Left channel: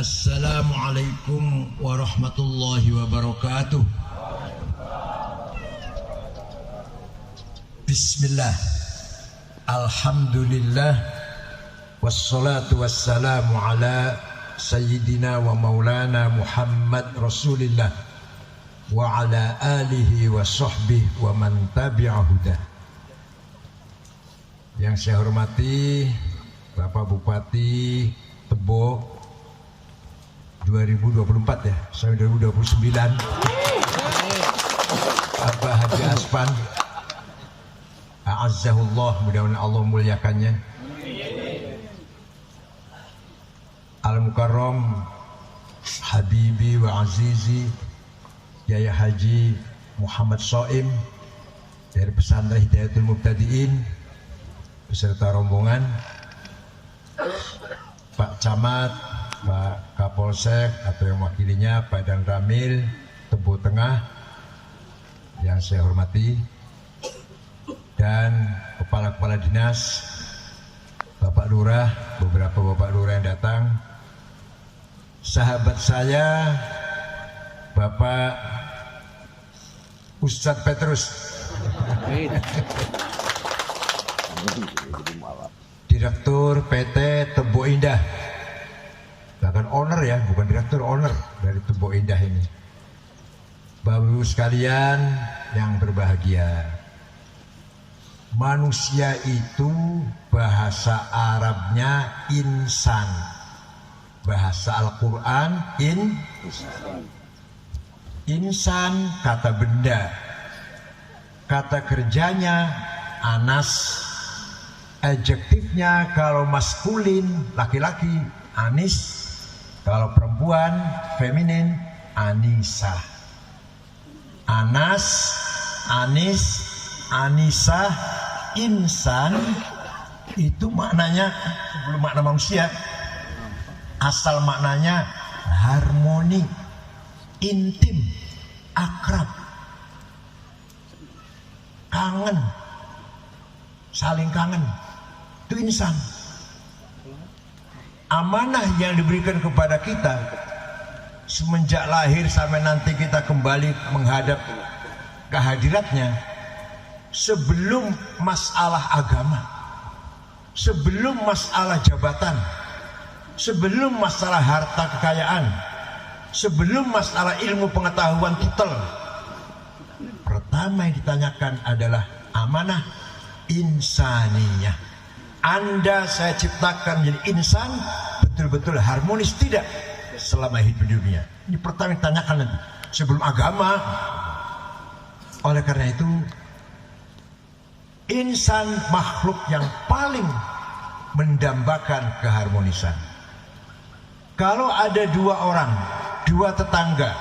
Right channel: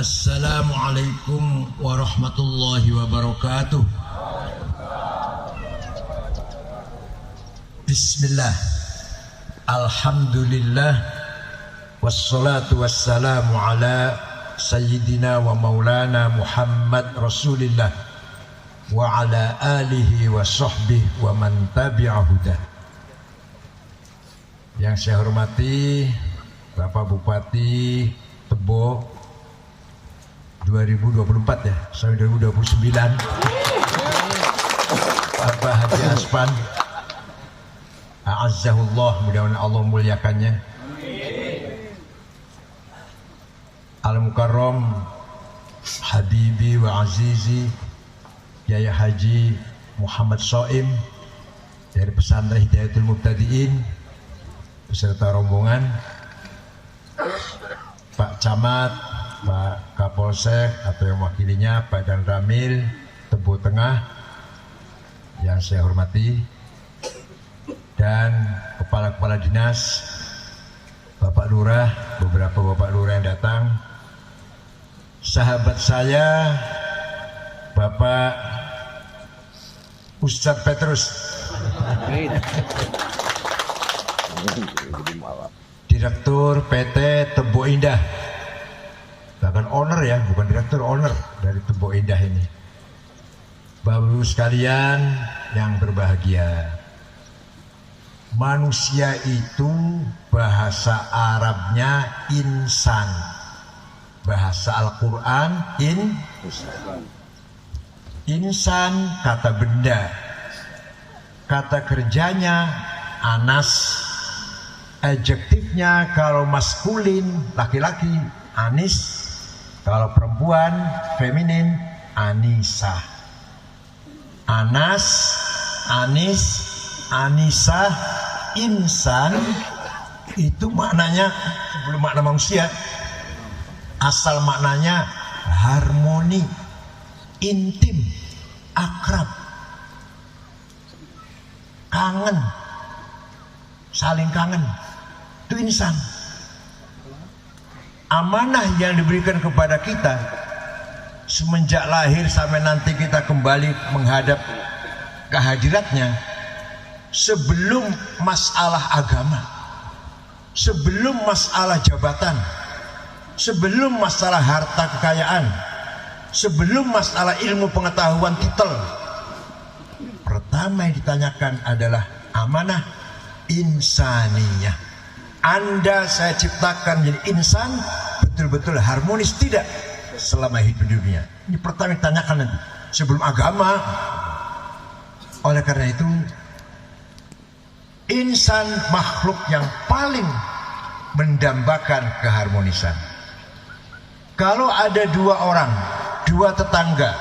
Assalamualaikum warahmatullahi wabarakatuh. Bismillah. Alhamdulillah. Wassalatu wassalamu ala sayyidina wa maulana Muhammad Rasulillah wa ala alihi wa sahbihi wa man tabi'ahudah. Yang saya hormati Bapak Bupati Tebo 2024 ya, sampai 2029. Bapak Haji Aspan, a'azzahullah, mudah-mudahan Allah muliakannya. Al-Mukarram Habibi wa Azizi Yai Haji Muhammad Soim dari Pesantren Hidayatul Mubtadiin beserta rombongan, Pak Camat, Pak Kapolsek atau yang mewakilinya, Pak Dan Ramil Tebo Tengah yang saya hormati, dan kepala-kepala dinas, Bapak Lurah, beberapa Bapak Lurah yang datang, sahabat saya Bapak Ustadz Petrus, Direktur PT Tebo Indah, bahkan owner ya, bukan direktur, owner dari Tebo Indah ini. Bapak Ibu sekalian yang berbahagia, manusia itu bahasa Arabnya insan, bahasa Al-Quran insan kata benda, kata kerjanya anas, adjektifnya kalau maskulin laki-laki anis, kalau perempuan feminin anisa. Anas, anis, anisah, insan itu maknanya sebelum makna manusia, asal maknanya harmoni, intim, akrab, kangen, saling kangen, itu insan. Amanah yang diberikan kepada kita semenjak lahir sampai nanti kita kembali menghadap kehadiratnya, sebelum masalah agama, sebelum masalah jabatan, sebelum masalah harta kekayaan, sebelum masalah ilmu pengetahuan titel, pertama yang ditanyakan adalah amanah insaniyah. Anda saya ciptakan jadi insan betul-betul harmonis tidak selama hidup di dunia? Ini pertama yang ditanyakan nanti, sebelum agama. Oleh karena itu, insan makhluk yang paling mendambakan keharmonisan. Kalau ada dua orang, dua tetangga,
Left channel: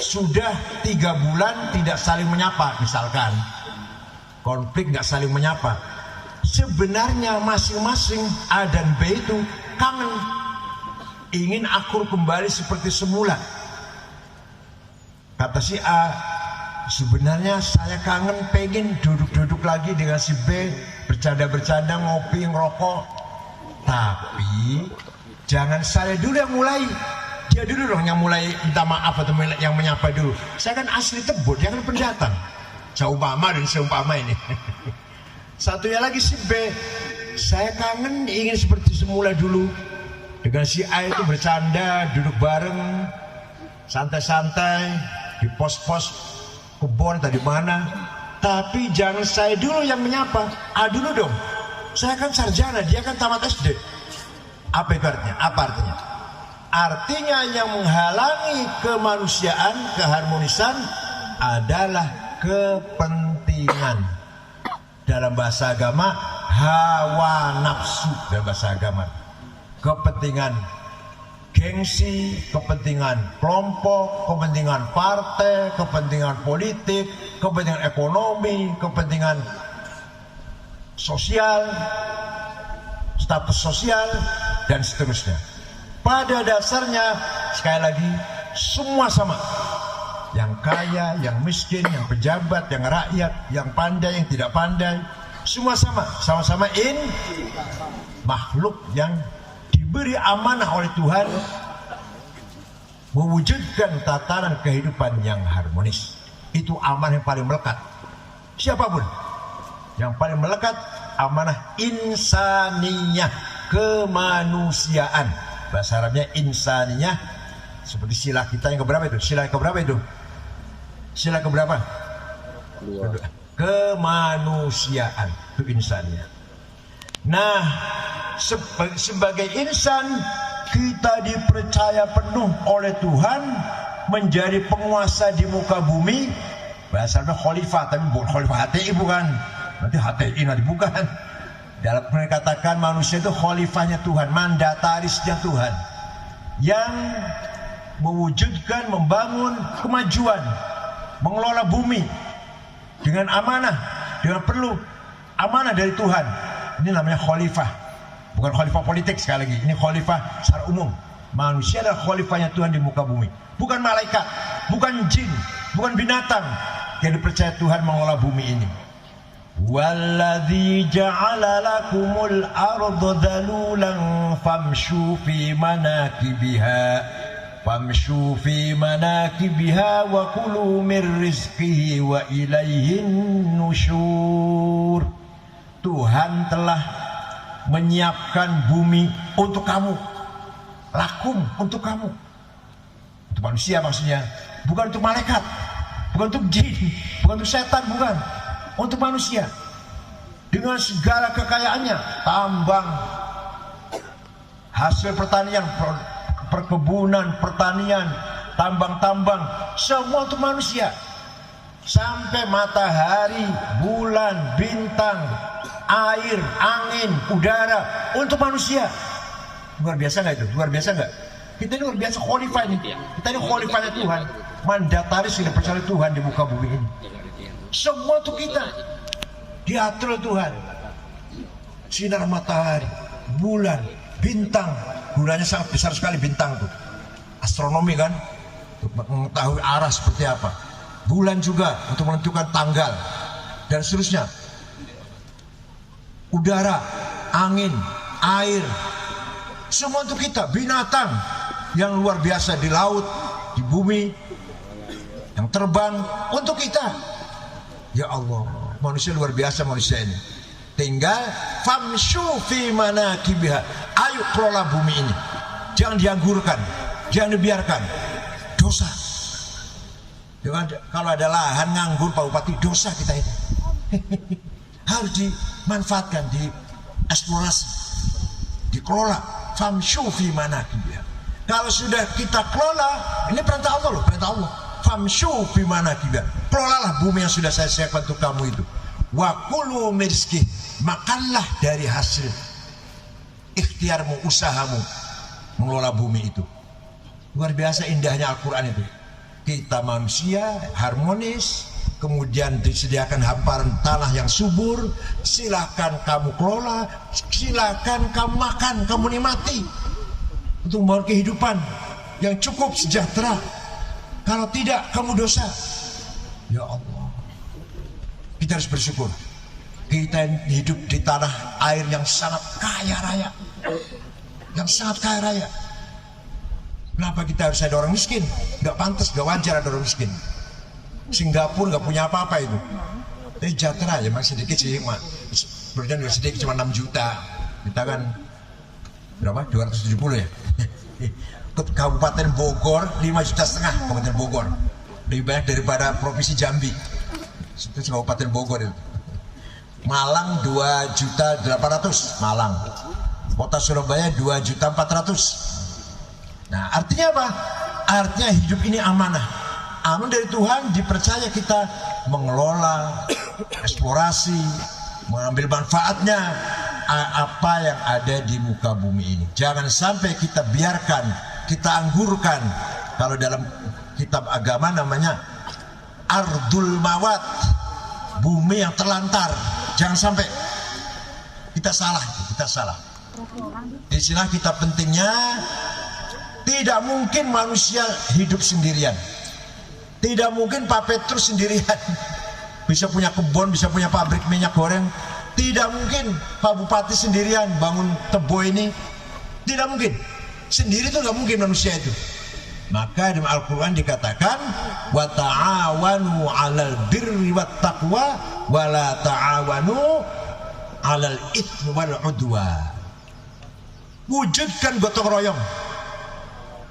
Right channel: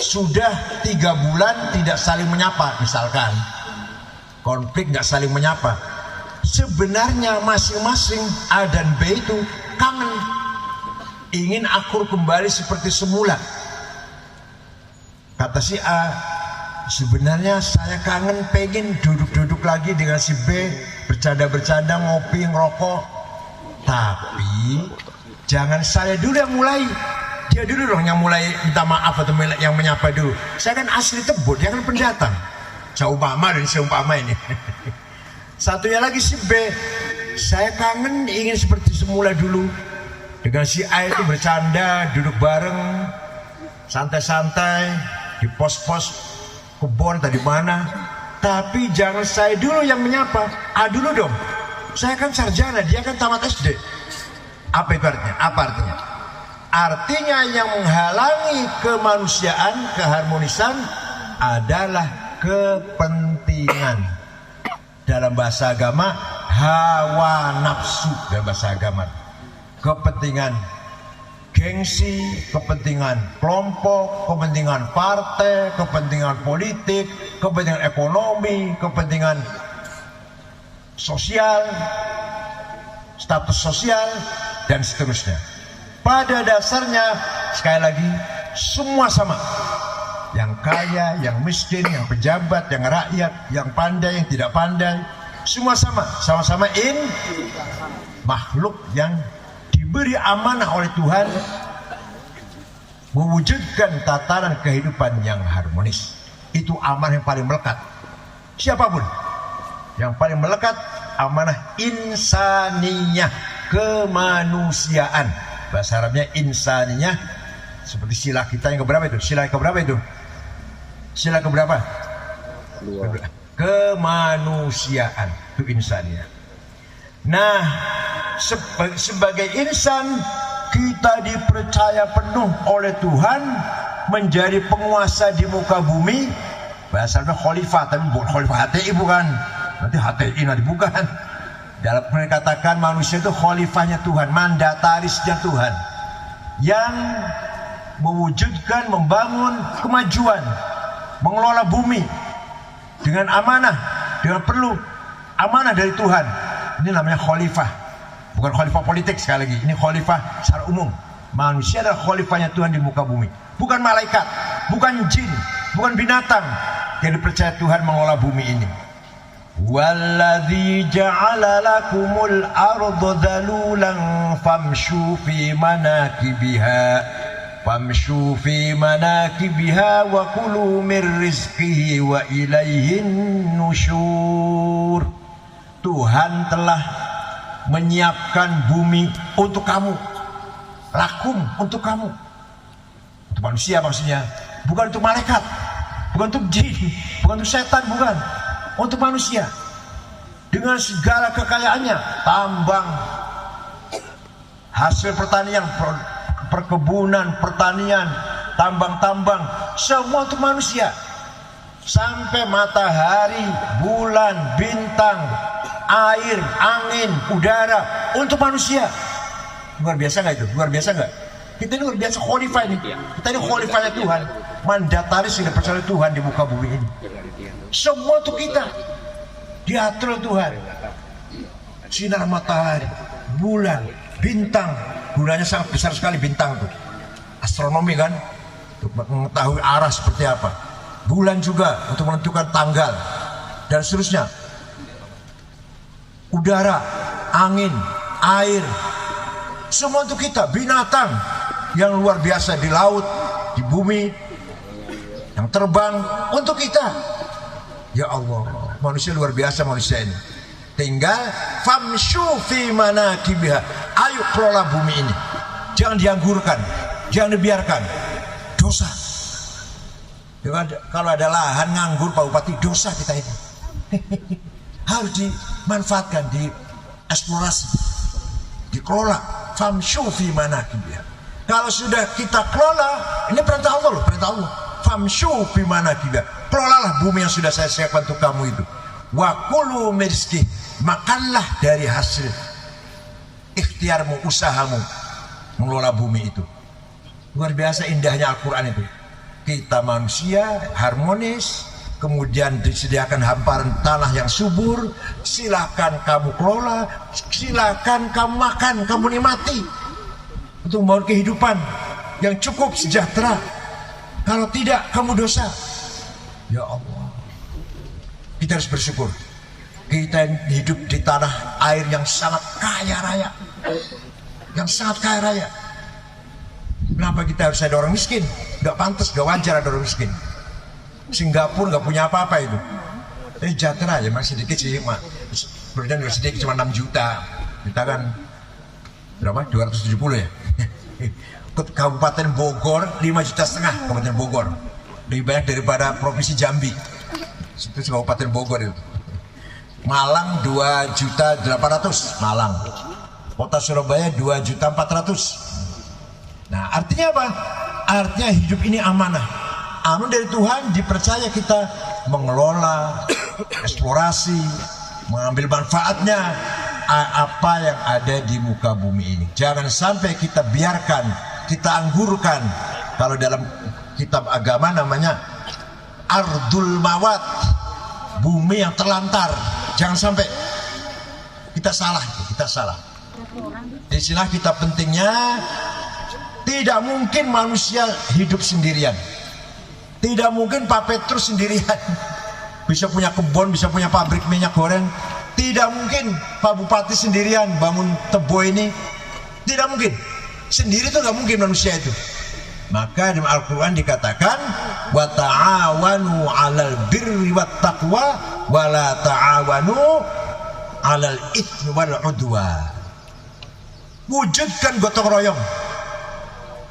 sudah 3 bulan tidak saling menyapa, misalkan konflik, nggak saling menyapa, sebenarnya masing-masing A dan B itu kangen, ingin akur kembali seperti semula. Kata si A, sebenarnya saya kangen, pengen duduk-duduk lagi dengan si B, bercanda-bercanda, ngopi, ngerokok. Tapi jangan saya dulu yang mulai, dia dulu dong yang mulai minta maaf atau yang menyapa dulu. Saya kan asli Tebo, dia kan pendatang. Seumpama dan seumpama ini. Satunya lagi si B, saya kangen, ingin seperti semula dulu dengan si A itu bercanda, duduk bareng, santai-santai di pos-pos kebon tadi mana. Tapi jangan saya dulu yang menyapa, A dulu dong. Saya kan sarjana, dia kan tamat SD. Apa itu artinya? Apa artinya? Artinya yang menghalangi kemanusiaan, keharmonisan adalah kepentingan. Dalam bahasa agama, hawa nafsu. Dalam bahasa agama, kepentingan gengsi, kepentingan kelompok, kepentingan partai, kepentingan politik, kepentingan ekonomi, kepentingan sosial, status sosial, dan seterusnya. Pada dasarnya, sekali lagi, semua sama. Yang kaya, yang miskin, yang pejabat, yang rakyat, yang pandai, yang tidak pandai, semua sama. Sama-sama makhluk yang diberi amanah oleh Tuhan mewujudkan tatanan kehidupan yang harmonis. Itu amanah yang paling melekat. Siapapun yang paling melekat, amanah insaniyah, kemanusiaan. Bahasa Arabnya insaniyah. Seperti sila kita yang keberapa itu? Sila keberapa itu? Sila keberapa? Kemanusiaan, itu insaniyah. Nah, sebagai insan, kita dipercaya penuh oleh Tuhan menjadi penguasa di muka bumi. Bahasanya khalifah, tapi bukan khalifah HTI, bukan. Nanti HTI nanti bukan. Dalam mereka katakan manusia itu khalifahnya Tuhan, mandatarisnya Tuhan, yang mewujudkan, membangun kemajuan, mengelola bumi dengan amanah, dengan perlu amanah dari Tuhan. Ini namanya khalifah, bukan khalifah politik. Sekali lagi, ini khalifah secara umum. Manusia adalah khalifahnya Tuhan di muka bumi, bukan malaikat, bukan jin, bukan binatang yang dipercaya Tuhan mengelola bumi ini. Walladzi ja'ala lakumul arda dhalulan famshu fi manakibiha wa kulu min rizqihi wa ilaihin nusyur. Tuhan telah menyiapkan bumi untuk kamu, lakum, untuk kamu, untuk manusia maksudnya, bukan untuk malaikat, bukan untuk jin, bukan untuk setan, bukan, untuk manusia. Dengan segala kekayaannya, tambang, hasil pertanian, perkebunan, pertanian, tambang-tambang, semua untuk manusia. Sampai matahari, bulan, bintang, air, angin, udara, untuk manusia. Luar biasa nggak itu? Luar biasa nggak? Kita ini luar biasa khalifah ini. Kita ini khalifahnya Tuhan, mandataris yang dipercaya Tuhan di muka bumi ini. Semua untuk kita diatur oleh Tuhan. Sinar matahari, bulan, bintang, gunanya sangat besar sekali bintang itu. Astronomi kan, untuk mengetahui arah seperti apa. Bulan juga untuk menentukan tanggal dan seterusnya. Udara, angin, air, semua untuk kita. Binatang yang luar biasa di laut, di bumi, yang terbang untuk kita. Ya Allah, manusia luar biasa manusia ini. Tinggal famshu fi manakibiha. Ayo kelola bumi ini. Jangan dianggurkan, jangan dibiarkan. Dosa. Kalau ada lahan nganggur Pak Bupati, dosa kita itu. Harus dimanfaatkan, dieksplorasi, dikelola. Famshu fi manakibiha. Kalau sudah kita kelola, ini perintah Allah loh, perintah Allah. Famshu fi manakibiha. Kelolalah bumi yang sudah saya siapkan untuk kamu itu. Wa kulu min rizqihi. Makanlah dari hasil ikhtiarmu, usahamu mengelola bumi itu. Luar biasa indahnya Al-Quran itu. Kita manusia harmonis, kemudian disediakan hamparan tanah yang subur. Silakan kamu kelola, silakan kamu makan, kamu nikmati untuk membangun kehidupan yang cukup sejahtera. Kalau tidak, kamu dosa. Ya Allah, kita harus bersyukur. Kita hidup di tanah air yang sangat kaya raya, yang sangat kaya raya. Kenapa kita harus ada orang miskin? Gak pantas, gak wajar ada orang miskin. Singapura gak punya apa-apa itu. Jadi sejahtera ya, masih sedikit sih. Kemudian sedikit cuma 6 juta. Kita kan berapa? 270 ya. Kabupaten Bogor 5,5 juta Kabupaten Bogor. Lebih banyak daripada Provinsi Jambi. Itu Kabupaten Bogor itu. Malang 2,800.000 Malang. Kota Surabaya 2,400.000. Nah, artinya apa? Artinya hidup ini amanah. Amanah dari Tuhan, dipercaya kita mengelola, eksplorasi, mengambil manfaatnya apa yang ada di muka bumi ini. Jangan sampai kita biarkan, kita anggurkan. Kalau dalam kitab agama namanya ardul mawat, bumi yang terlantar. Jangan sampai kita salah. Di sini kita pentingnya, tidak mungkin manusia hidup sendirian. Tidak mungkin Pak Petrus sendirian bisa punya kebun, bisa punya pabrik minyak goreng. Tidak mungkin Pak Bupati sendirian bangun Tebo ini. Tidak mungkin. Sendiri itu nggak mungkin manusia itu. Maka dalam Al-Quran dikatakan wa ta'awanu 'alal birri wat taqwa wa la ta'awanu 'alal itsmi wal 'udwan. Wujudkan gotong royong,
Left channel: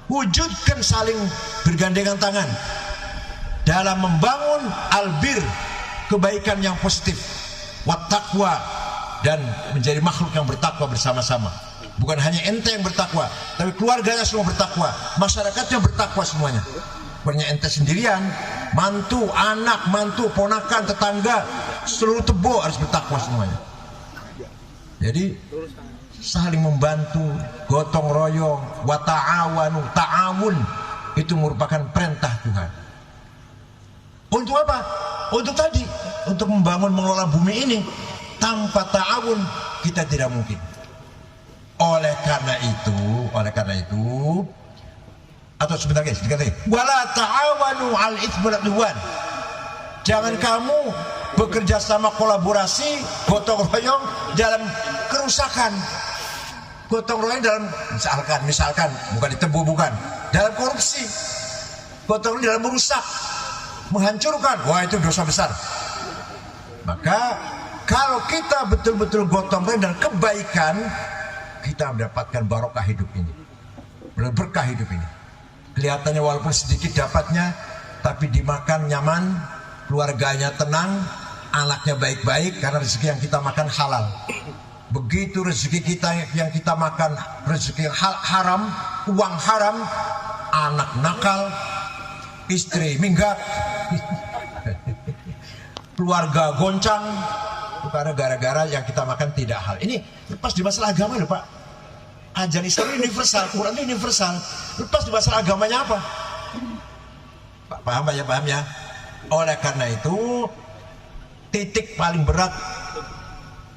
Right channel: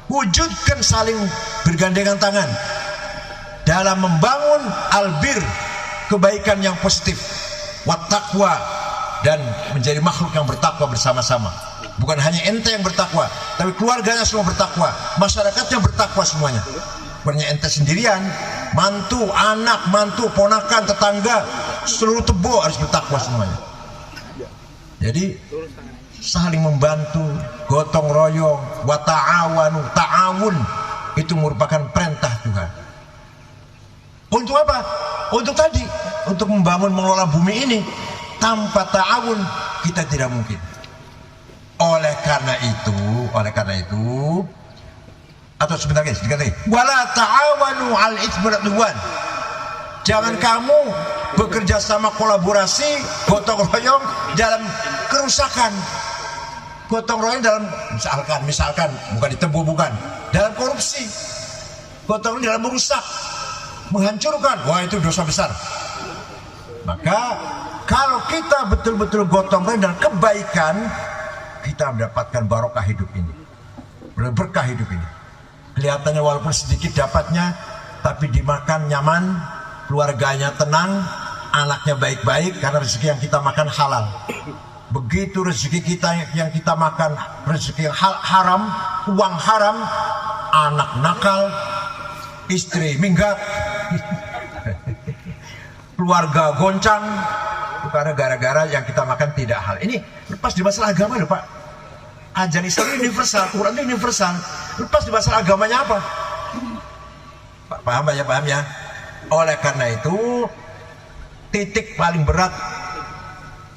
wujudkan saling bergandengan tangan dalam membangun albir, kebaikan yang positif, wat taqwa, dan menjadi makhluk yang bertakwa bersama-sama. Bukan hanya ente yang bertakwa, tapi keluarganya semua bertakwa, masyarakatnya bertakwa semuanya. Bukan hanya ente sendirian, mantu, anak, mantu, ponakan, tetangga, seluruh tebo harus bertakwa semuanya. Jadi saling membantu, gotong royong, wa ta'awanu, ta'awun itu merupakan perintah Tuhan. Untuk apa? Untuk tadi, untuk membangun mengelola bumi ini. Tanpa ta'awun kita tidak mungkin. Oleh karena itu, atau sebentar guys, dikatakan wala ta'awanu 'al itsmi wal 'udwan. Jangan kamu bekerja sama, kolaborasi, gotong royong dalam kerusakan. Gotong royong dalam misalkan bukan ditebu, bukan dalam korupsi. Gotong royong dalam merusak, menghancurkan. Wah, itu dosa besar. Maka kalau kita betul-betul gotong royong dalam kebaikan, kita mendapatkan barokah hidup ini, berkah hidup ini. Kelihatannya walaupun sedikit dapatnya, tapi dimakan nyaman, keluarganya tenang, anaknya baik-baik, karena rezeki yang kita makan halal. Begitu rezeki kita yang kita makan rezeki yang haram, uang haram, anak nakal, istri minggat, keluarga goncang, karena gara-gara yang kita makan tidak halal. Ini lepas di masalah agama loh Pak. Ajaran Islam ini universal, Quran ini universal. Lepas di masalah agamanya apa? Pak, paham ya, paham ya. Oleh karena itu, titik paling berat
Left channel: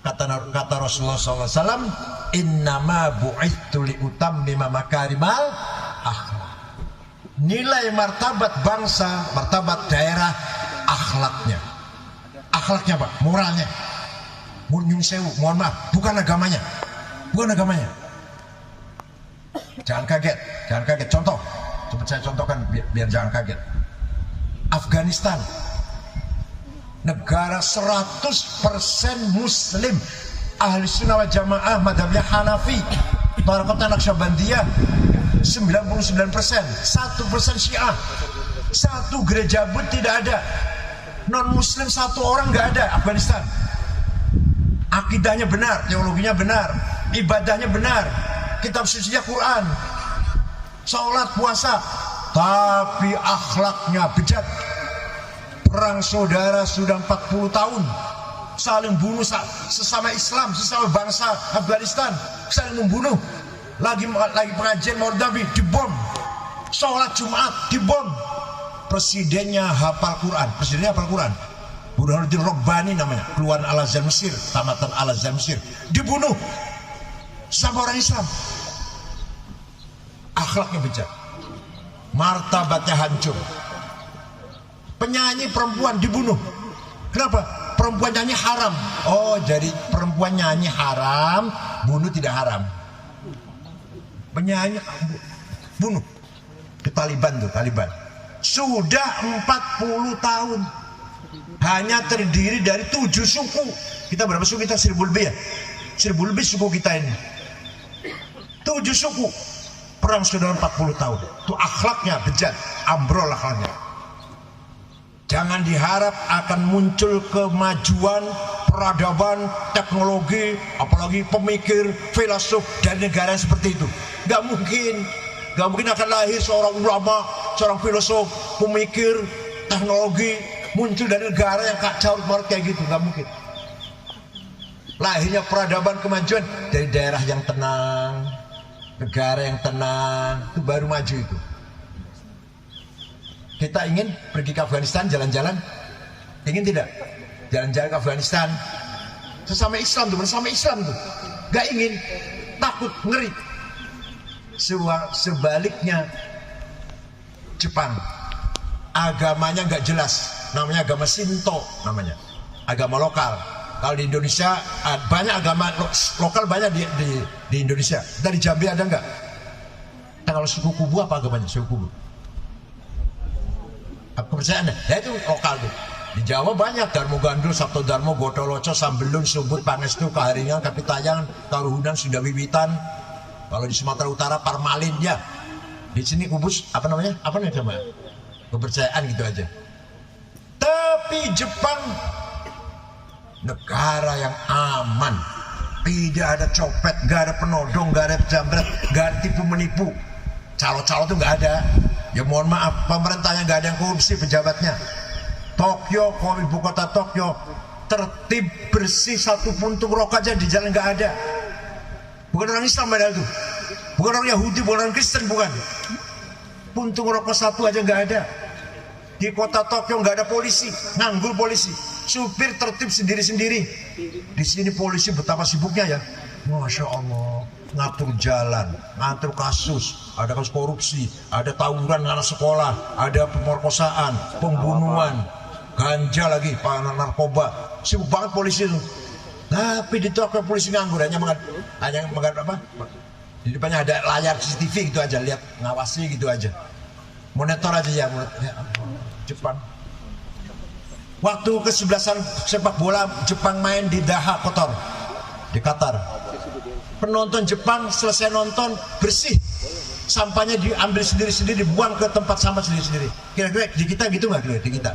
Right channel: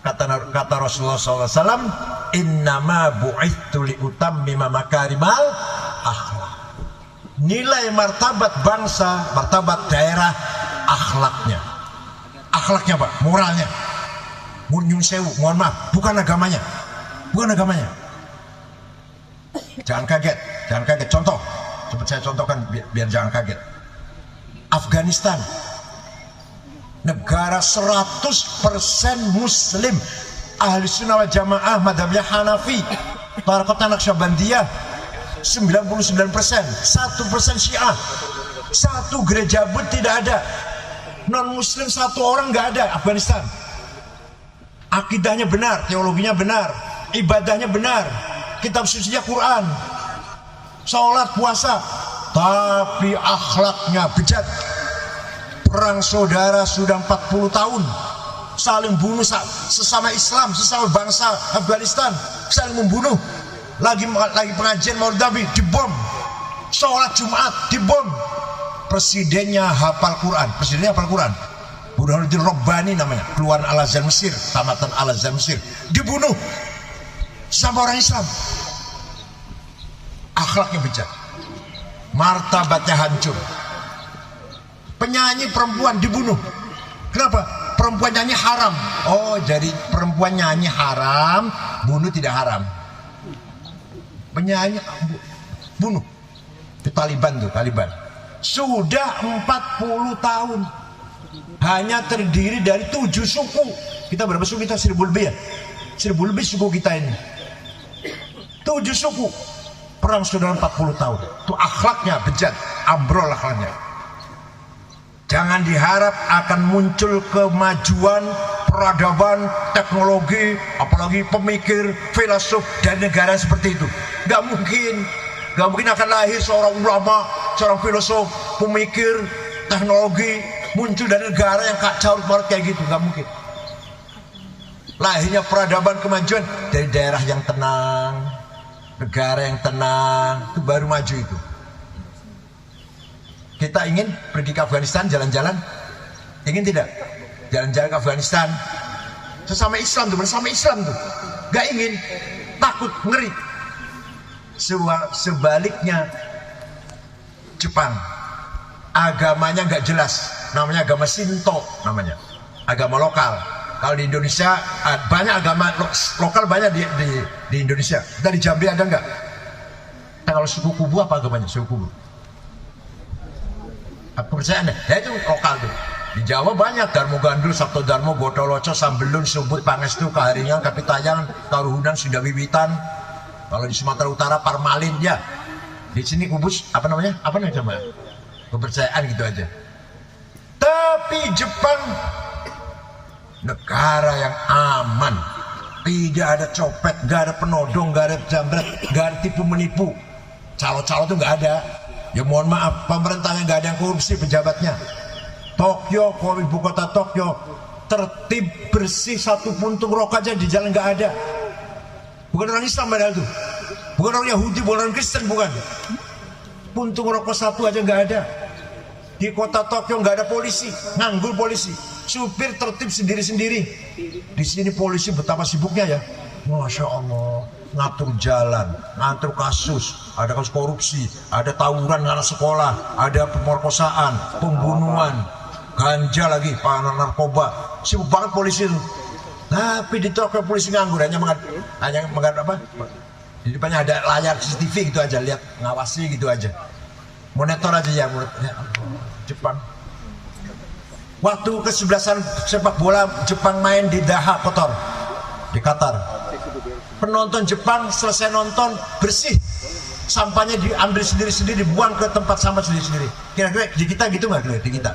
kata Rasulullah SAW, innama bu'ithu liutammima makarimal akhlak. Nilai martabat bangsa, martabat daerah, akhlaknya. Akhlaknya Pak, moralnya. Nyun sewu, mohon maaf, bukan agamanya. Bukan agamanya. Jangan kaget, jangan kaget. Contoh, coba saya contohkan biar jangan kaget. Afghanistan, negara 100% muslim, ahli sunnah wal jamaah, madhabnya Hanafi, Tarekat Naqsyabandiyah 99%, 1% Syiah, satu gereja pun tidak ada, non muslim satu orang nggak ada. Afghanistan, akidahnya benar, teologinya benar, ibadahnya benar, kitab sucinya Quran, sholat, puasa, tapi akhlaknya bejat. Perang saudara sudah 40 tahun, saling bunuh sesama Islam, sesama bangsa Afghanistan, saling membunuh. Lagi pengajian Maulid Nabi dibom, sholat Jumat dibom. Presidennya hafal Quran, Burhanuddin Rabbani namanya, keluaran Al-Azhar Mesir, tamatan Al-Azhar Mesir, dibunuh sama orang Islam. Akhlaknya bejat, martabatnya hancur. Penyanyi perempuan dibunuh. Kenapa? Perempuan nyanyi haram. Oh, jadi perempuan nyanyi haram, bunuh tidak haram. Penyanyi bunuh. Itu Taliban tuh, Taliban. Sudah 40 tahun. Hanya terdiri dari 7 suku. Kita berapa suku kita? 1000 lebih ya? 1000 lebih suku kita ini. 7 suku. Perang sudah 40 tahun. Itu akhlaknya bejat, ambrol akhlaknya. Jangan diharap akan muncul kemajuan, peradaban, teknologi, apalagi pemikir, filosof dari negara seperti itu. Gak mungkin. Gak mungkin akan lahir seorang ulama, seorang filosof, pemikir, teknologi muncul dari negara yang kacau banget kayak gitu. Gak mungkin. Lahirnya peradaban, kemajuan dari daerah yang tenang, negara yang tenang, itu baru maju itu. Kita ingin pergi ke Afghanistan jalan-jalan, ingin tidak? Jalan-jalan ke Afghanistan, sesama Islam tuh, bersama Islam tuh, gak ingin, takut, ngeri. Sebaliknya, Jepang, agamanya gak jelas, namanya agama Shinto, namanya agama lokal. Kalau di Indonesia banyak agama lokal, banyak di Indonesia. Kita di Jambi ada nggak? Nah, kalau suku Kubu apa agamanya? Suku Kubu kepercayaan ya itu lokal tuh. Di Jawa banyak Darmo Gandul, Sabto Darmo, Gotoloco, Sambelun, Subut, Pangestu, Kaharingan, Kapitayangan, Karuhunan, Sindawiwitan. Kalau di Sumatera Utara Parmalin ya. Di sini kubus apa namanya coba? Kepercayaan gitu aja. Tapi Jepang negara yang aman, tidak ada copet, nggak ada penodong, nggak ada jambret, nggak ada tipu menipu. Calo-calo tuh nggak ada. Ya mohon maaf, pemerintahnya nggak ada yang korupsi, pejabatnya. Tokyo, ibu kota Tokyo, tertib bersih, satu puntung rokok aja di jalan nggak ada. Bukan orang Islam padahal itu, bukan orang Yahudi, bukan orang Kristen, bukan. Puntung rokok satu aja nggak ada. Di kota Tokyo nggak ada polisi, nganggur polisi. Supir tertib sendiri-sendiri. Di sini polisi betapa sibuknya ya. Masya Allah, ngatur jalan, ngatur kasus, ada kasus korupsi, ada tawuran anak sekolah, ada pemerkosaan, pembunuhan, ganja lagi, narkoba, sibuk banget polisi itu. Tapi di Tokyo polisi nganggur, hanya mengat apa? Di depannya ada layar CCTV gitu aja, lihat ngawasi gitu aja, monitor aja ya, Jepang. Waktu kesebelasan sepak bola Jepang main di Daha Kotor di Qatar, penonton Jepang selesai nonton bersih, sampahnya diambil sendiri-sendiri, dibuang ke tempat sampah sendiri-sendiri. Kira-kira di kita gitu nggak? Di kita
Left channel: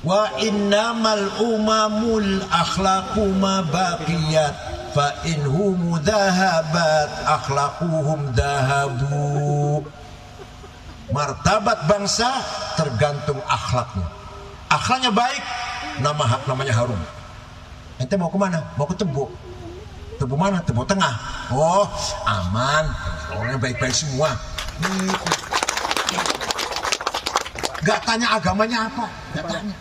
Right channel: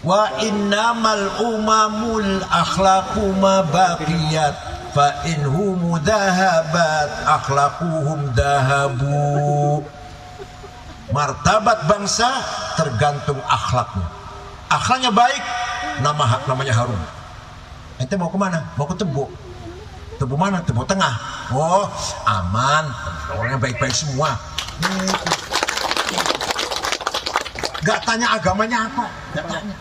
wa innamal umamul akhlaqu ma baqiyat fa inhum dahabat akhlaquhum dahabu. Martabat bangsa tergantung akhlaknya. Akhlaknya baik, namanya harum. Ente mau kemana? Mau ke Tebo. Tebo mana? Tebo Tengah. Oh, aman. Orangnya baik-baik semua. Gak tanya agamanya apa. Gak tanya.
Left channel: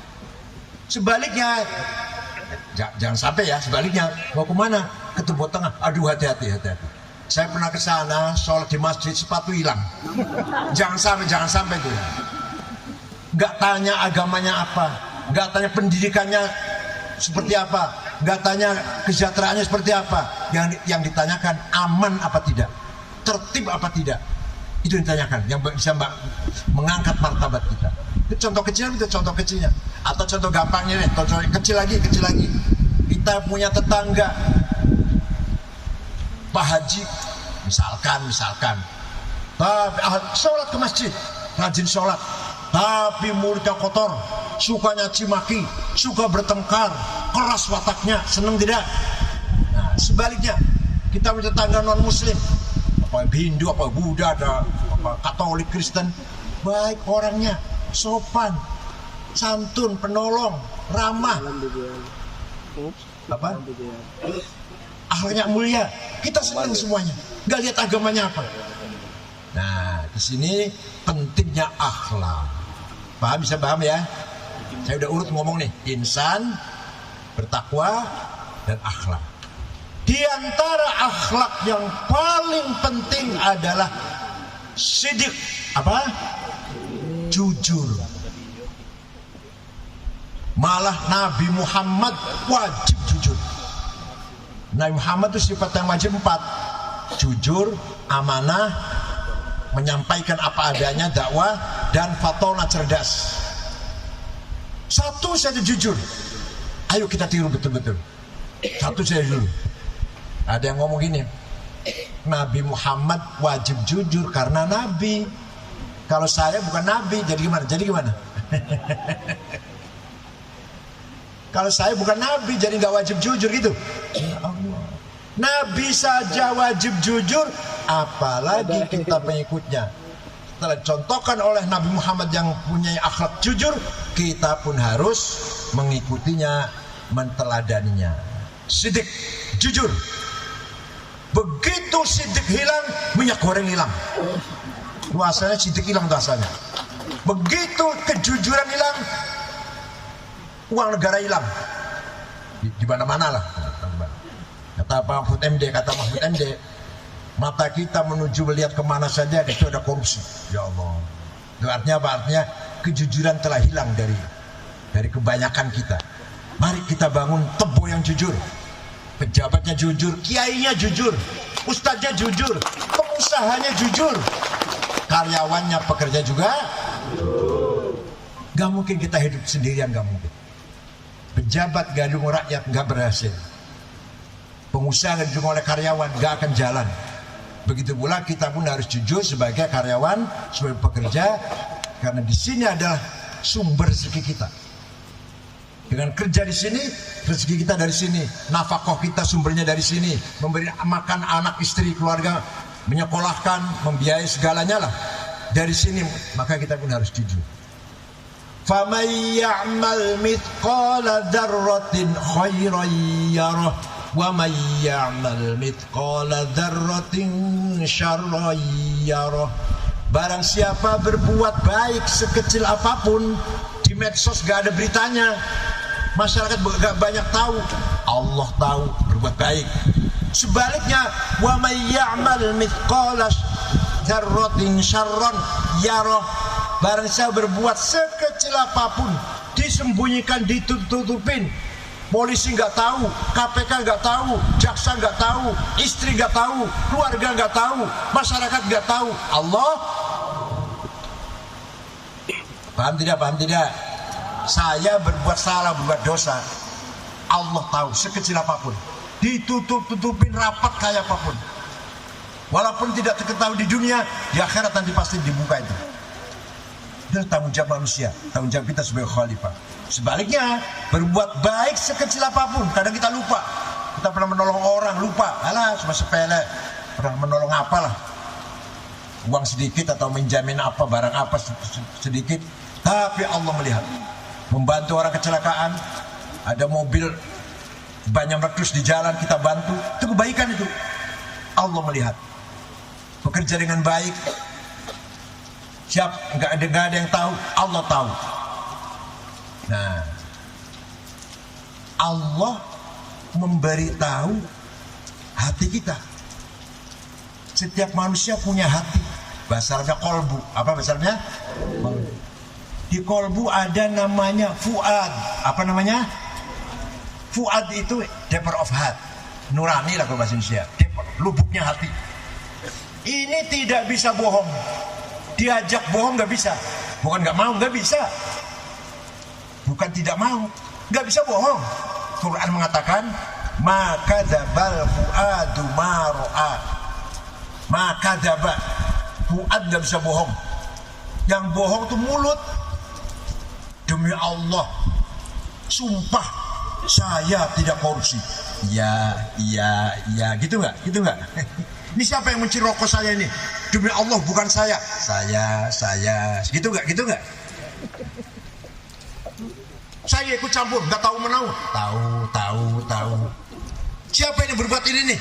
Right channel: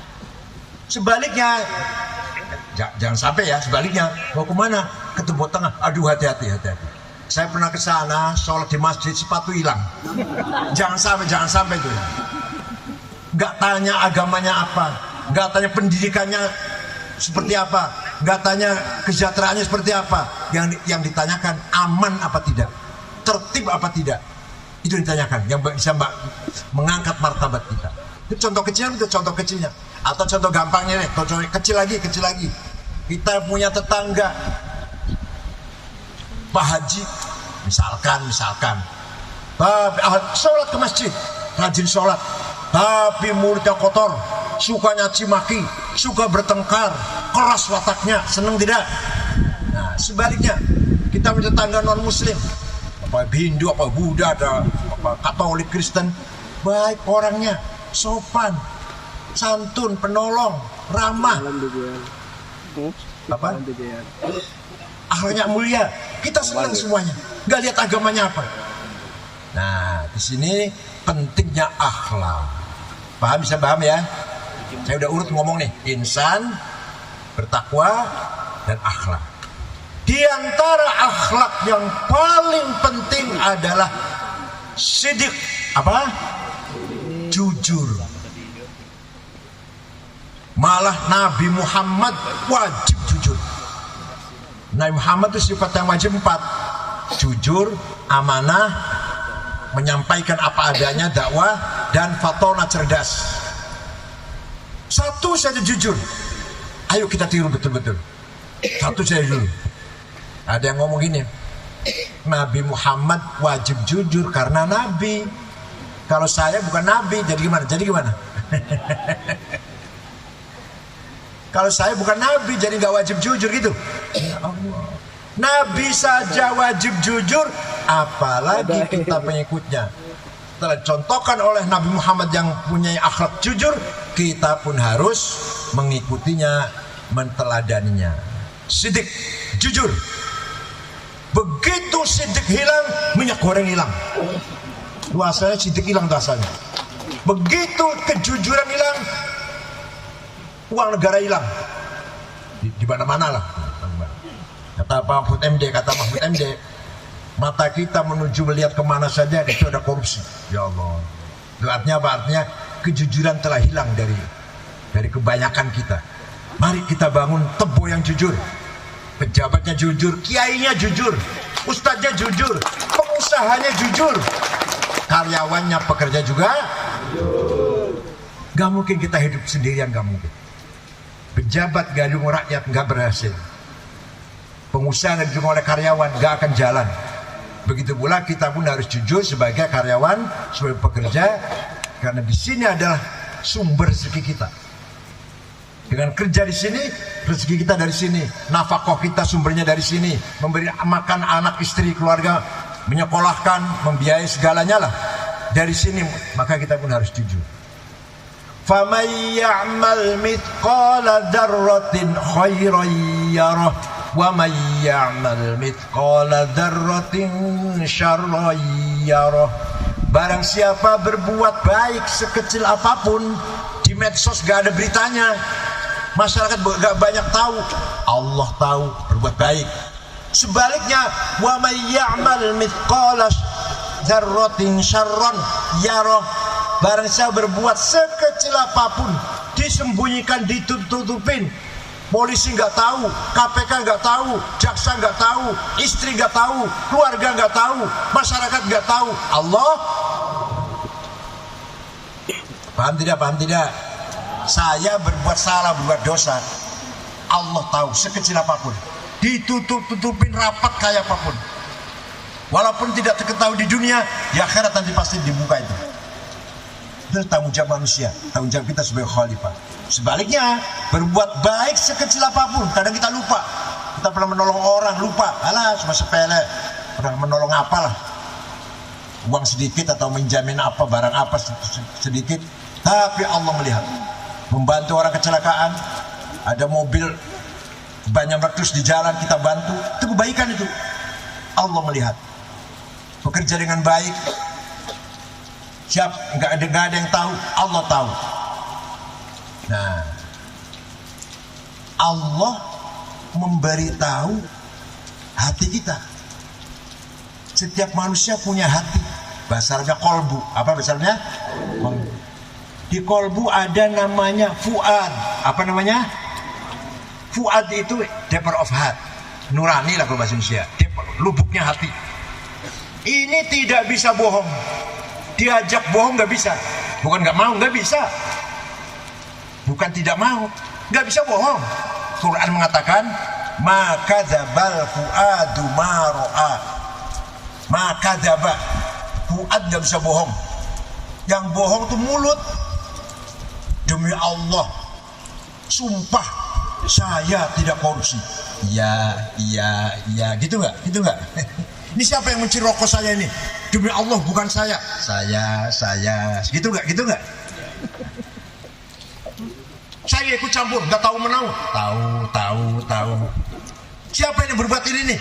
Sebaliknya, jangan sampai ya. Sebaliknya, mau kemana? Ke Tebo Tengah. Aduh, hati-hati. Saya pernah ke sana, sholat di masjid, sepatu hilang. Jangan sampai tuh. Gak tanya agamanya apa. Gak tanya pendidikannya seperti apa, nggak tanya kesejahteraannya seperti apa. Yang ditanyakan aman apa tidak, tertib apa tidak, itu ditanyakan. Yang bisa mengangkat martabat kita. Itu contoh kecil, itu contoh kecilnya. Atau contoh gampangnya nih, contoh kecil lagi. Kita punya tetangga Pak Haji, misalkan, sholat ke masjid, rajin sholat, tapi mulutnya kotor, suka nyaci maki, suka bertengkar, keras wataknya, seneng tidak? Nah, sebaliknya, kita punya tetangga non muslim, apa Hindu, apa Buddha, apa Katolik, Kristen, baik orangnya, sopan, santun, penolong, ramah, apa? Akhlaknya mulia, kita senang semuanya, nggak lihat agamanya apa. Nah, di sini pentingnya akhlak. Bisa paham ya? Saya udah urut ngomong nih, insan, bertakwa, dan akhlak. Di antara akhlak yang paling penting adalah sidik, apa? Jujur. Malah Nabi Muhammad wajib jujur. Nabi Muhammad itu sifat yang wajib 4. Jujur, amanah, menyampaikan apa adanya, dakwah, dan fatona, cerdas. Satu saja jujur. Ayo kita tiru betul-betul. Satu saja dulu. Ada yang ngomong gini, Nabi Muhammad wajib jujur karena Nabi. Kalau saya bukan Nabi, jadi gimana? Kalau saya bukan Nabi, jadi nggak wajib jujur gitu. Ya Allah. Nabi saja wajib jujur, apalagi kita pengikutnya. Setelah dicontohkan oleh Nabi Muhammad yang punya akhlak jujur, kita pun harus mengikutinya, menteladaninya. Sidik, jujur. Begitu sidik hilang, minyak goreng hilang. Asalnya sidik hilang asalnya. Begitu kejujuran hilang, uang negara hilang. Di mana-mana lah. Kata Pak Mahfud MD, mata kita menuju melihat kemana saja itu ada korupsi. Ya Allah. Itu artinya apa? Artinya kejujuran telah hilang dari kebanyakan kita. Mari kita bangun Tebo yang jujur. Pejabatnya jujur, kiainya jujur, ustadznya jujur, pengusahanya jujur. karyawannya, pekerja juga. Gak mungkin kita hidup sendirian, gak mungkin. Pejabat gak didukung rakyat, gak berhasil. Pengusaha gak didukung oleh karyawan, gak akan jalan. Begitu pula kita pun harus jujur sebagai karyawan, sebagai pekerja, karena di sini adalah sumber rezeki kita. Dengan kerja di sini, rezeki kita dari sini, nafkah kita sumbernya dari sini, memberi makan anak, istri, keluarga, menyekolahkan, membiayai segalanya lah dari sini. Maka kita pun harus jujur. فَمَنْ يَعْمَلْ مِثْقَالَ ذَرَّةٍ خَيْرًا يَرَهُ وَمَنْ يَعْمَلْ مِثْقَالَ ذَرَّةٍ شَرًّا يَرَهُ. Barang siapa berbuat baik sekecil apapun, di medsos gak ada beritanya, masyarakat gak banyak tahu, Allah tahu berbuat baik. Sebaliknya, وَمَنْ يَعْمَلْ مِثْقَالَ ذَرَّةٍ شَرًّا يَرَهُ. Barang siapa berbuat sekecil apapun, disembunyikan, ditutupin, polisi nggak tahu, KPK nggak tahu, jaksa nggak tahu, istri nggak tahu, keluarga nggak tahu, masyarakat nggak tahu, Allah. Paham tidak? Paham tidak? Saya berbuat salah, berbuat dosa, Allah tahu sekecil apapun, ditutup-tutupin rapat kayak apapun, walaupun tidak diketahui di dunia, di akhirat nanti pasti dibuka itu. Itu tanggung jawab manusia, tanggung jawab kita sebagai khalifah. Sebaliknya, berbuat baik sekecil apapun, kadang kita lupa. Kita pernah menolong orang, lupa. Alah, cuma sepele. Pernah menolong apalah, uang sedikit atau menjamin apa, barang apa sedikit. Tapi Allah melihat. Membantu orang kecelakaan, ada mobil banyak meletus di jalan, kita bantu. Itu kebaikan itu. Allah melihat. Bekerja dengan baik, siap, nggak ada yang tahu, Allah tahu. Nah, Allah memberitahu hati kita. Setiap manusia punya hati. Bahasa Arabnya kolbu. Apa bahasa Arabnya? Di kolbu ada namanya fuad. Apa namanya? Fuad itu deeper of heart. Nurani lah kalau bahasa Indonesia. Lubuknya hati. Ini tidak bisa bohong. Diajak bohong nggak bisa. Bukan nggak mau, nggak bisa. Bukan tidak mau, nggak bisa bohong. Quran mengatakan, maka dzabal fuadu ma ra'a. Maka dzaba, fuad nggak bisa bohong. Yang bohong itu mulut. Demi Allah, sumpah saya tidak korupsi. Iya, gitu nggak? Gitu nggak? Ini siapa yang mencuri rokok saya ini? Demi Allah bukan saya. Saya. Gitu nggak? Gitu nggak? Saya ikut campur, nggak tahu menahu. Tahu. Siapa yang berbuat ini nih?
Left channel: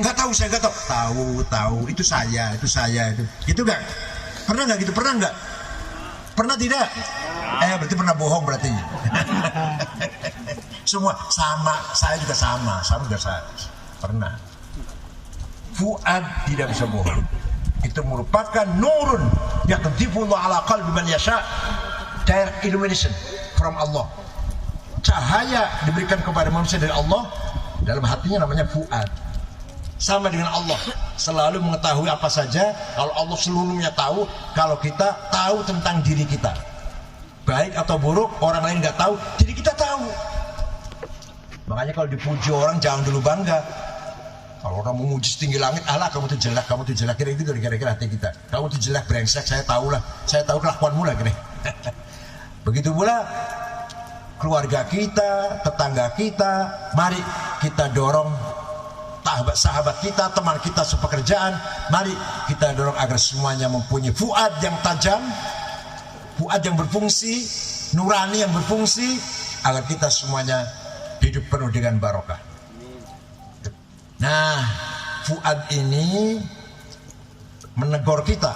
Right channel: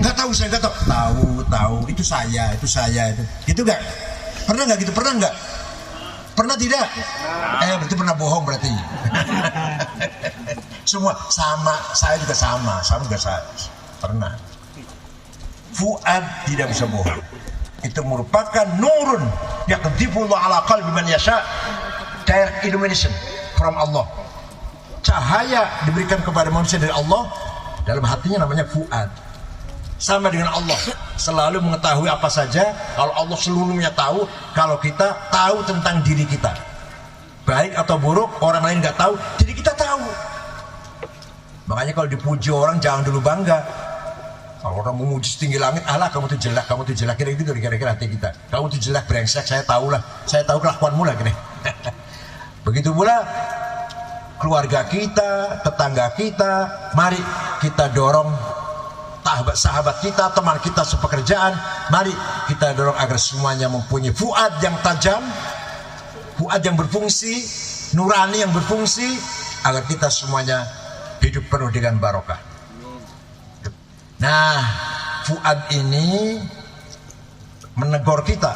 Nggak tahu, saya nggak tahu. Tahu. Itu saya. Gitu nggak? Pernah nggak gitu? Pernah nggak? Pernah tidak? Berarti pernah bohong berarti. Semua sama, saya juga sama saya. Pernah. Fuad tidak bisa bohong. Itu merupakan nurun yaqdhifullahu ala qalbi man yasha, direct illumination from Allah. Cahaya diberikan kepada manusia dari Allah, dalam hatinya namanya fuad. Sama dengan Allah, selalu mengetahui apa saja. Kalau Allah seluruhnya tahu, kalau kita tahu tentang diri kita, baik atau buruk, orang lain nggak tahu, jadi kita tahu. Makanya kalau dipuji orang jangan dulu bangga. Kalau orang memuji setinggi langit, alah kamu tuh jelek, kira-kira hati kita. Kamu tuh jelek, brengsek, saya tahu kelakuanmu lah gini. Begitu pula keluarga kita, tetangga kita, mari kita dorong sahabat kita, teman kita sepekerjaan, mari kita dorong agar semuanya mempunyai fuad yang tajam, fuad yang berfungsi, nurani yang berfungsi, agar kita semuanya hidup penuh dengan barokah. Nah, fuad ini menegur kita.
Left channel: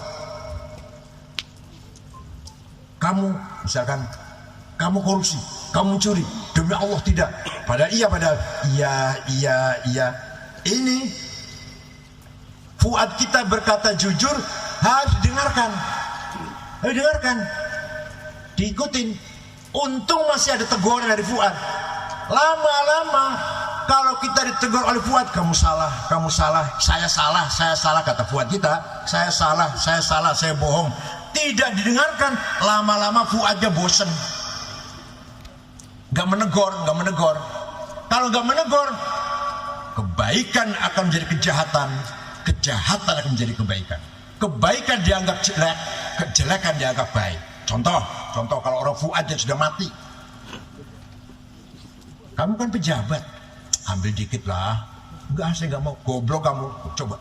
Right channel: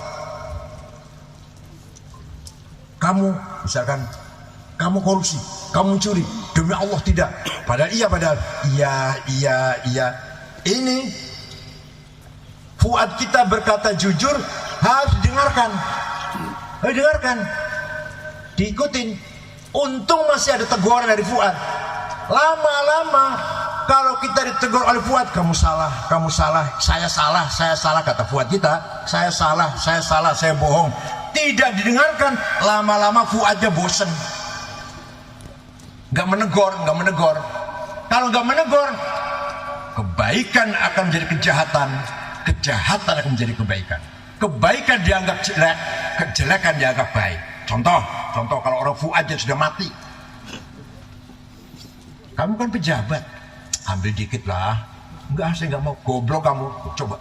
Kamu, misalkan, kamu korupsi, kamu curi, demi Allah tidak. Padahal iya. Ini fuad kita berkata jujur, harus didengarkan, diikutin. Untung masih ada teguran dari fuad. Lama-lama Kalau kita ditegur oleh Fuad, kamu salah, saya salah, kata Fuad kita, saya salah, saya bohong. Tidak didengarkan, lama-lama Fuadnya bosen. Gak menegur. Kalau gak menegur, kebaikan akan menjadi kejahatan akan menjadi kebaikan. Kebaikan dianggap jelek, kejelekan dianggap baik. Contoh kalau orang Fuadnya sudah mati, kamu kan pejabat, ambil dikit lah. Enggak, saya nggak mau. Goblok kamu. Coba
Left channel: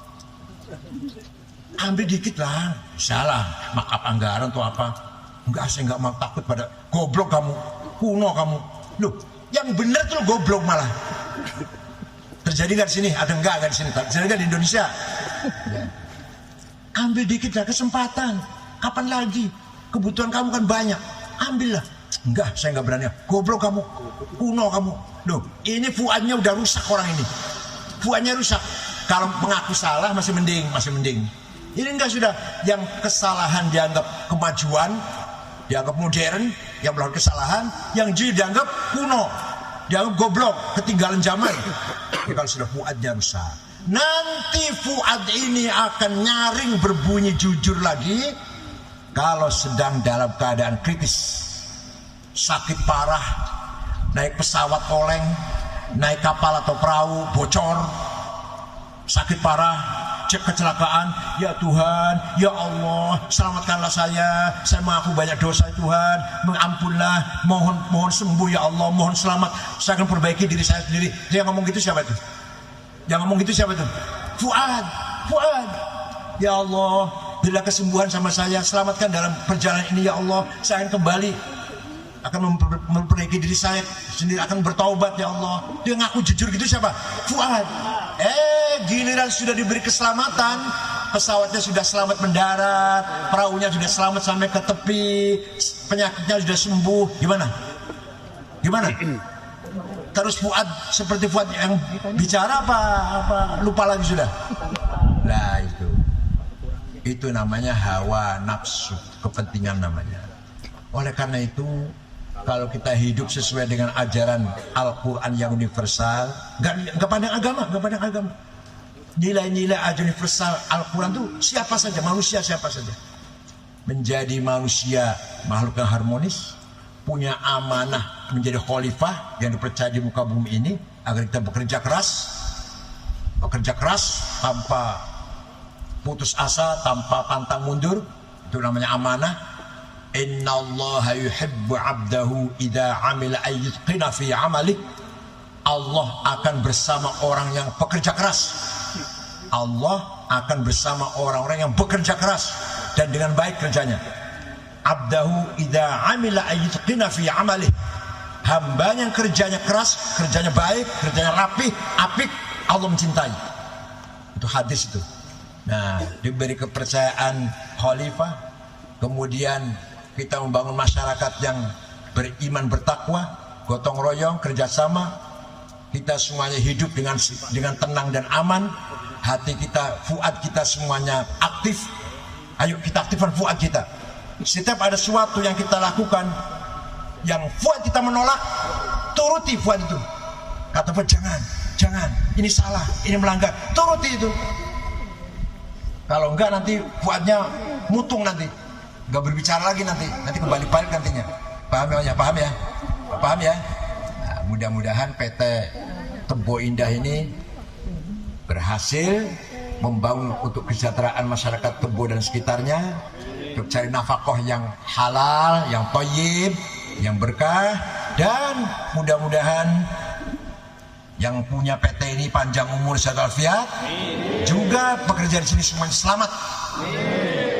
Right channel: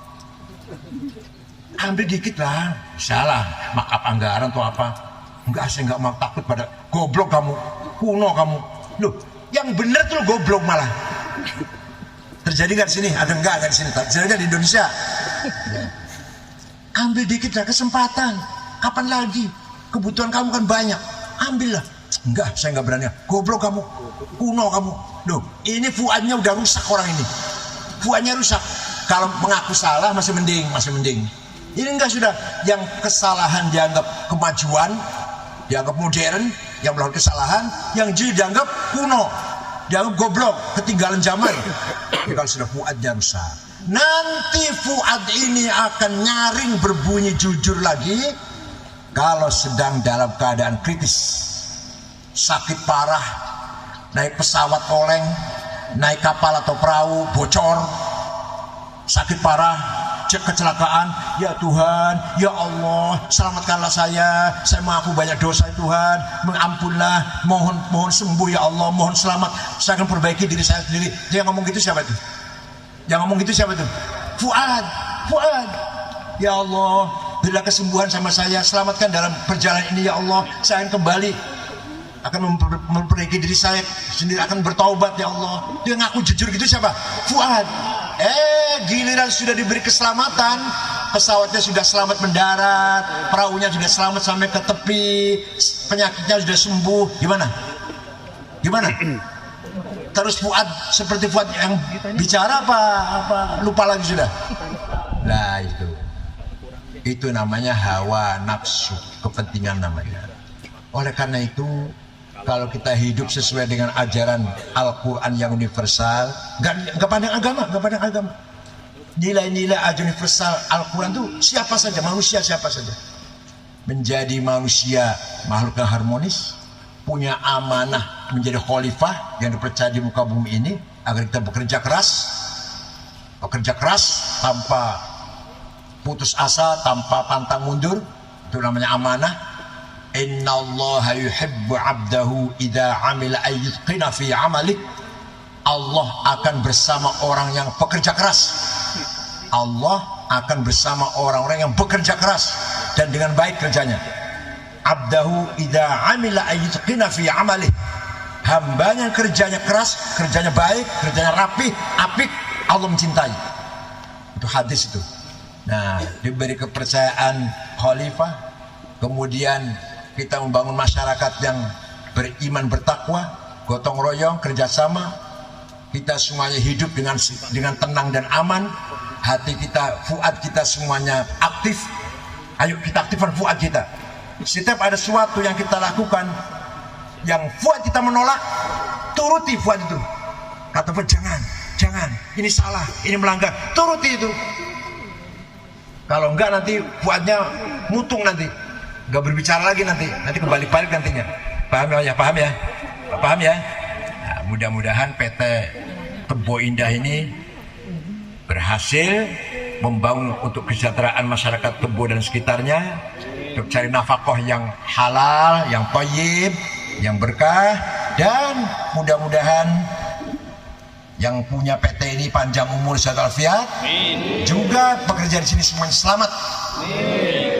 ambil dikit lah. Salah, markup anggaran atau apa. Enggak, saya nggak mau, takut pada goblok kamu, kuno kamu. Loh, yang bener tuh goblok malah. Terjadi nggak di sini? Ada enggak di sini? Terjadi di Indonesia. Ambil dikit lah kesempatan. Kapan lagi? Kebutuhan kamu kan banyak. Ambillah. Enggak, saya nggak berani. Goblok kamu, kuno kamu. Loh, ini Fuadnya udah rusak orang ini. Fuadnya rusak. Kalau mengaku salah masih mending. Ini enggak, sudah. Yang kesalahan dianggap kemajuan, dianggap modern, yang melakukan kesalahan, yang dianggap kuno, dianggap goblok, ketinggalan zaman. Kalau sudah Fuadnya rusak, nanti Fuad ini akan nyaring berbunyi jujur lagi kalau sedang dalam keadaan kritis. Sakit parah, naik pesawat oleng, naik kapal atau perahu bocor, sakit parah, kecelakaan. Ya Tuhan, ya Allah, selamatkanlah saya mengaku banyak dosa ya Tuhan, mengampunlah, mohon sembuh ya Allah, mohon selamat, saya akan perbaiki diri saya sendiri. Dia ngomong gitu siapa itu? Fuad. Ya Allah, bila kesembuhan sama saya, selamatkan dalam perjalanan ini ya Allah, saya akan kembali, akan memperbaiki diri saya sendiri, akan bertaubat ya Allah. Dia ngaku jujur gitu siapa? Fuad. Giliran sudah diberi keselamatan, pesawatnya sudah selamat mendarat, perahunya sudah selamat sampai ke tepi, penyakitnya sudah sembuh, gimana? Terus Fuad seperti Fuad yang bicara apa lupa lagi sudah. Nah itu namanya hawa nafsu, kepentingan namanya. Oleh karena itu, kalau kita hidup sesuai dengan ajaran Al-Quran yang universal, nggak pandang agama. Nilai-nilai ajaran universal Al-Quran itu siapa saja, manusia siapa saja. Menjadi manusia makhluk yang harmonis, punya amanah menjadi khalifah yang dipercaya di muka bumi ini, agar kita bekerja keras tanpa putus asa, tanpa pantang mundur. Itu namanya amanah. Innallaha yuhibbu 'abdahu idza 'amila ayyutqina fi 'amalik. Allah akan bersama orang yang bekerja keras. Allah akan bersama orang-orang yang bekerja keras dan dengan baik kerjanya. 'Abdahu idza 'amila ayyutqina fi 'amalik. Hambanya yang kerjanya keras, kerjanya baik, kerjanya rapih, apik, Allah mencintai. Itu hadis itu. Nah, diberi kepercayaan khalifah, kemudian kita membangun masyarakat yang beriman, bertakwa, gotong royong, kerjasama. Kita semuanya hidup dengan tenang dan aman. Hati kita, Fuad kita semuanya aktif. Ayo kita aktifkan Fuad kita. Setiap ada sesuatu yang kita lakukan, yang Fuad kita menolak, turuti Fuad itu. Kata Fuad, jangan, ini salah, ini melanggar, turuti itu. Kalau enggak nanti Fuadnya mutung nanti. Gak berbicara lagi nanti kembali balik nantinya. Paham ya? Nah, mudah-mudahan PT Tempo Indah ini berhasil membangun untuk kesejahteraan masyarakat Tempo dan sekitarnya, untuk cari nafkah yang halal, yang thayyib, yang berkah, dan mudah-mudahan yang punya PT ini panjang umur, sehat walafiat, juga pekerja di sini semuanya selamat,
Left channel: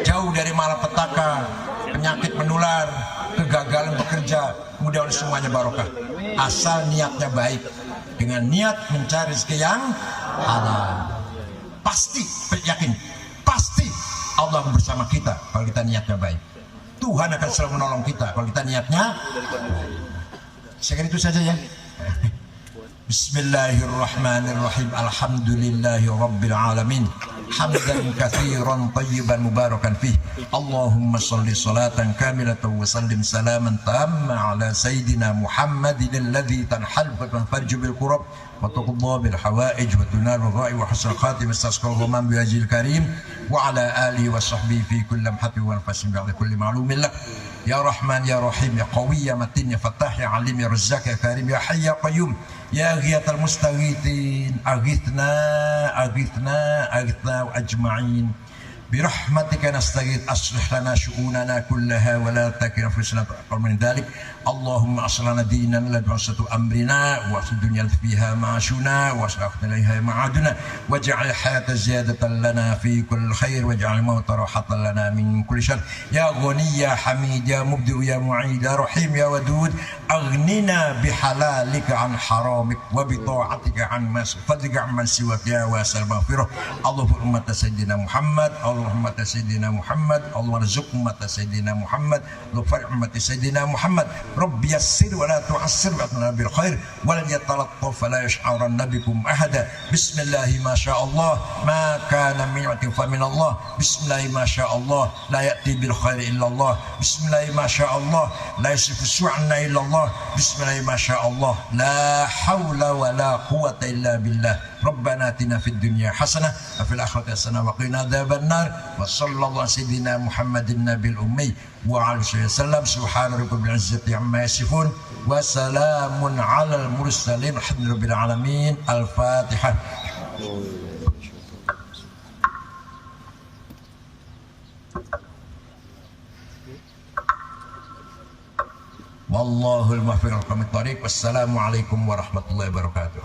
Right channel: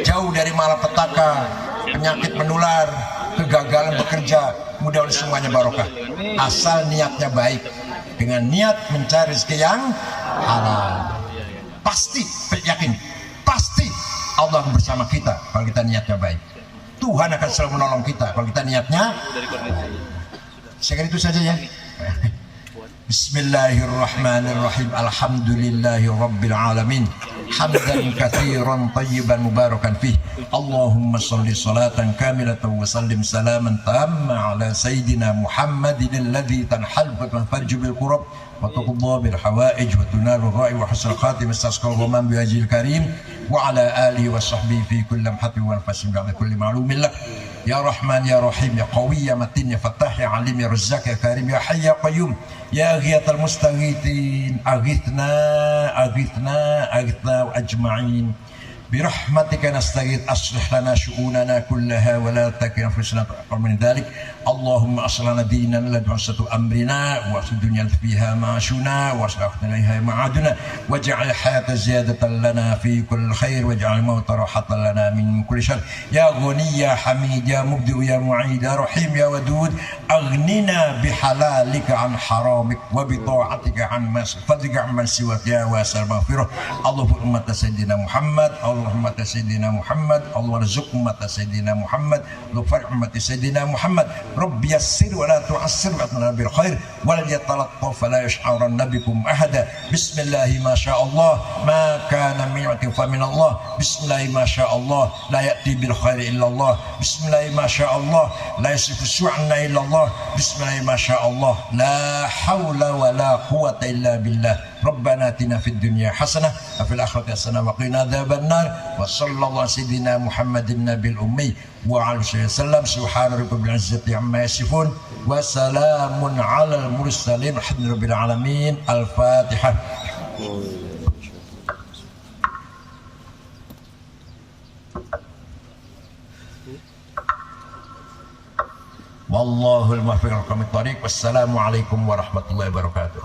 jauh dari malapetaka, penyakit menular, kegagalan bekerja, mudah-mudahan semuanya barokah. Asal niatnya baik, dengan niat mencari rezeki yang halal, pasti yakin, pasti Allah akan bersama kita kalau kita niatnya baik. Tuhan akan selalu menolong kita kalau kita niatnya baik. Saya kira itu saja ya. Bismillahirrahmanirrahim. Alhamdulillahi rabbil alamin. hamdan katsiran tayyiban mubarakan fih. Allahumma shalli salatan kamilatan wa sallim salaman tamma ala sayyidina Muhammadin alladhi tanhal wa tanfarju bil qurab wa tuqda bil hawaij wa tunal ra'i wa husnul khatim istasqa ghamam bi ajil karim wa ala alihi wa sahbihi fi kulli lamhatin wa anfasin ba'da kulli ma'lumin lak. Ya Rahman ya Rahim ya Qawi ya Matin ya Fattah ya Alim ya Razzaq ya Karim ya Hayy ya Qayyum ya Ghiyathal Mustaghithin aghithna ajma'in برحمتك نستغيث أصلح لنا شؤوننا كلها ولا تكلنا أنفسنا أكثر من ذلك. اللهم أصلح لنا ديننا الذي عصمة أمرنا وأصلح الدنيا فيها معاشنا وأصلح إليها معادنا واجعل الحياة زيادة لنا في كل خير واجعل الموت راحة لنا من كل شر. يا غني يا حميد يا مبدئ يا معيد يا رحيم يا ودود أغننا بحلالك عن حرامك وبطاعتك عن فضلك عن من سواك يا واسع المغفرة. اللهم أمة سيدنا محمد اللهم سيدنا محمد اللهم ارزق أمة سيدنا محمد وفرح أمة سيدنا محمد. رب يسر ولا تعسر وأتنا بالخير ولا يتلطف فلا يشعرن بكم أحدا. بسم الله ما شاء الله ما كان من يأتي فمن الله. بسم الله ما شاء الله لا يأتي بالخير إلا الله. بسم الله ما شاء الله لا يصرف السوء عنا إلا الله. بسم الله ما شاء الله لا حول ولا قوة إلا بالله. ربنا آتنا في الدنيا حسنة وفي الآخرة حسنة وقنا عذاب النار. وصلى الله على سيدنا محمد النبي الأمي وعلى آله وسلم. سبحان ربك رب العزة عما يصفون وسلام على المرسلين الحمد لله رب العالمين. الفاتحة. Wallahul muwaffiq ila aqwamit thoriq. Wassalamu alaikum warahmatullahi wabarakatuh.